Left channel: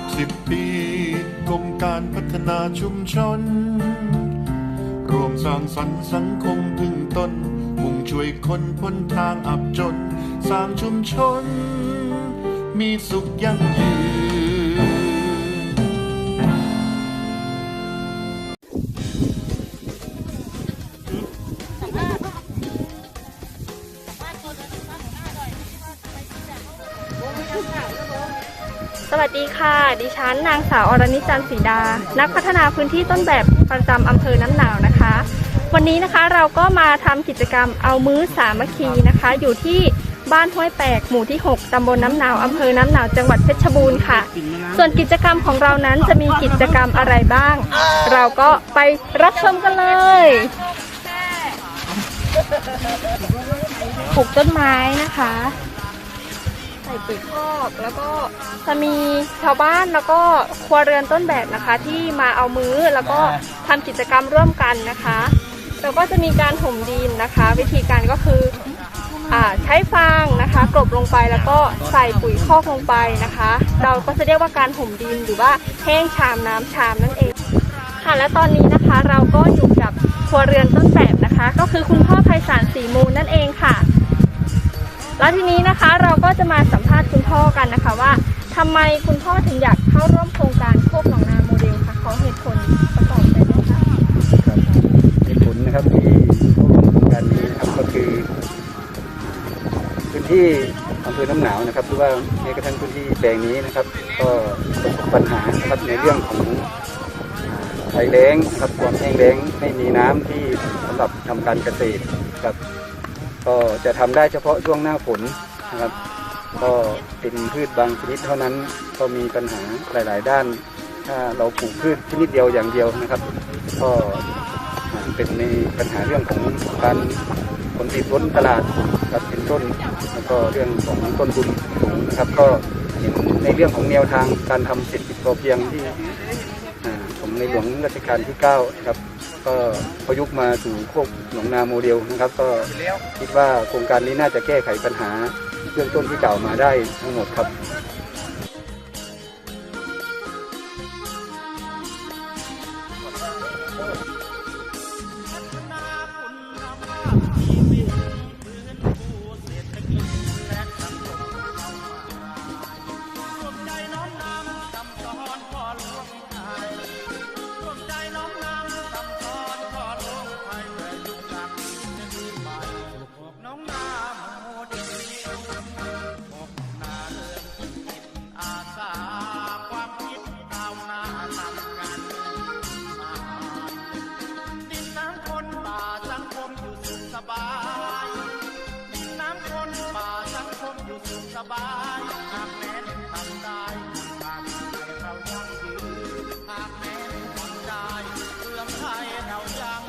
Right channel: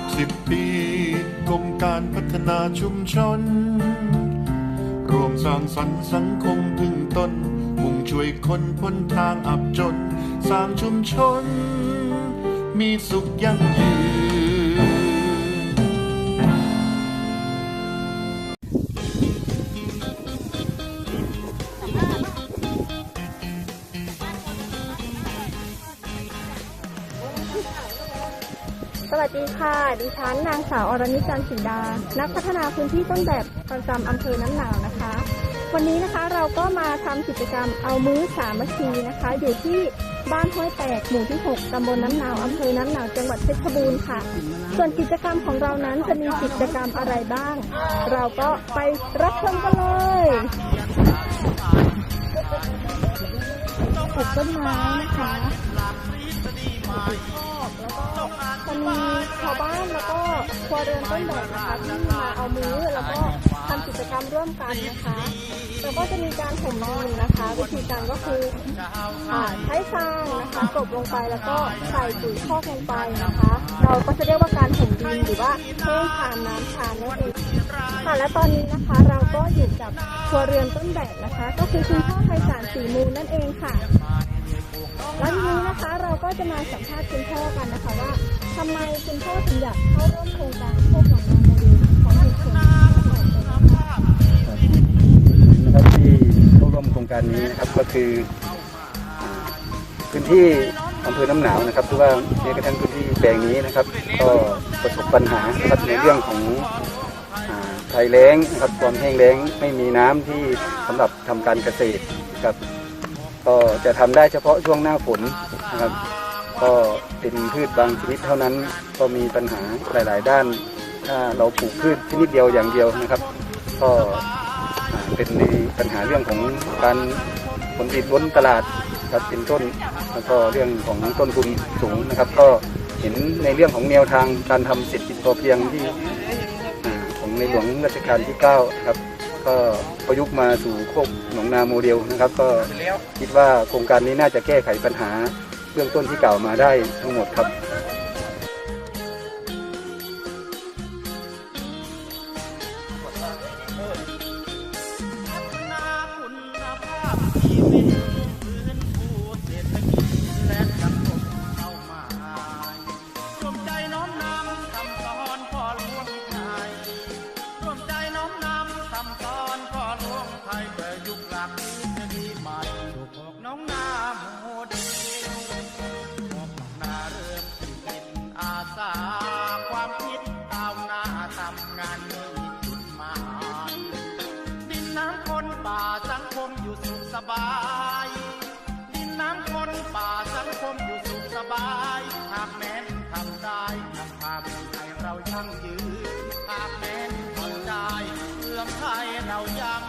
60 ปีกรมการพัฒนาชุมชน รวมสร้างสรรค์สังคมพึ่งตน มุ่งช่วยคนพ้นทางอับจน สร้างชุมชน มีสุขยั่งยืน สวัสดีค่ะ ดิฉันนางสาวอรณิจันทร์ศรีดา นักพัฒนาพื้นที่ต้นแบบประจำอำเภอน้ำหนาวนะคะ วันนี้นะคะเราก็มาทำกิจกรรมเอามื้อสามัคคีนะคะ อยู่ที่บ้านห้วยแปกหมู่ที่ 6 ตำบลน้ำหนาวอำเภอน้ำหนาวจังหวัดเพชรบูรณ์ค่ะ ส่วนกิจกรรมของเรานั้นจะมีกิจกรรมอะไรบ้าง เราก็ไปรับชมกันเลยปลูกต้นไม้นะคะ คอกแล้วก็จะมีชาวบ้านแล้วก็ครัวเรือนต้นแบบนะคะ ที่มาเอามือแล้วก็ทำกิจกรรมร่วมกันนะคะแล้วก็จะมีการถมดินนะคะ วิธีการก็คืออาใช้ฟางนะคะกลบลงไปแล้วก็ใส่ปุ๋ยคอกลงไปนะคะ เราก็จะเรียกว่าการถมดินหรือว่าแห้งชามน้ำชามนั่นเองค่ะและตอนนี้นะคะเราก็อยู่กับครัวเรือนต้นแบบนะคะ ก็คือคุณพ่อไพศาลศรีมูลนั่นเองค่ะ แล้วทีนี้นะคะเราก็จะมาสัมภาษณ์คุณพ่อกันนะคะว่าทำไมคุณพ่อถึงอยากเข้าร่วมโครงการโคกหนองนาโมเดลค่ะขอเหตุผลประกอบไปด้วยค่ะเหตุผลนะครับที่เข้าร่วมโครงการนี้นะครับก็คือพื้นที่อำเภอน้ำหนาวนะครับหรือว่าแม้กระทั่งพื้นที่แปลงนี้นะครับ ก็ประสบปัญหานะครับในเรื่องของอ่าภัยแล้งนะครับความแห้งแล้งไม่มีน้ำที่สำหรับทำการเกษตรครับ ก็จะทำได้เฉพาะช่วงหน้าฝนนะครับ ก็เป็นพืชบางชนิดเท่านั้นก็มีปัญหาหลาย ๆ ด้านถ้าเราปลูกพืชชนิดเดียวอย่างเดียวนะครับ ก็เป็นในปัญหาเรื่องของการผลผลิตล้นตลาดครับเป็นต้นแล้วก็เรื่องของต้นทุนสูงนะครับ ก็เห็นในเรื่องของแนวทางการทำเศรษฐกิจพอเพียงที่ของในหลวงรัชกาลที่9ครับ ก็ประยุกต์มาสู่โคกหนองนาโมเดลนะครับ ก็คิดว่าโครงการนี้น่าจะแก้ไขปัญหาเรื่องต้นที่กล่าวมาได้ทั้งหมดครับพัฒนาคุณภาพชีวิต หลวงไทยเพื่อยุคหลักที่จะดีใหม่สู่พวกน้องนาโมเดลพวกนาเริ่มที่จิตอาสาความคิดก้าวหน้าทำงานมีจุดหมายดินน้ำคนป่าสังคมอยู่สุขสบายดินน้ำคนป่าสังคมอยู่สุขสบายหากแม้นทำได้นำพาเมืองไทยเรายั่งยืนหากแม้นทำได้เมืองไทยเรายั่ง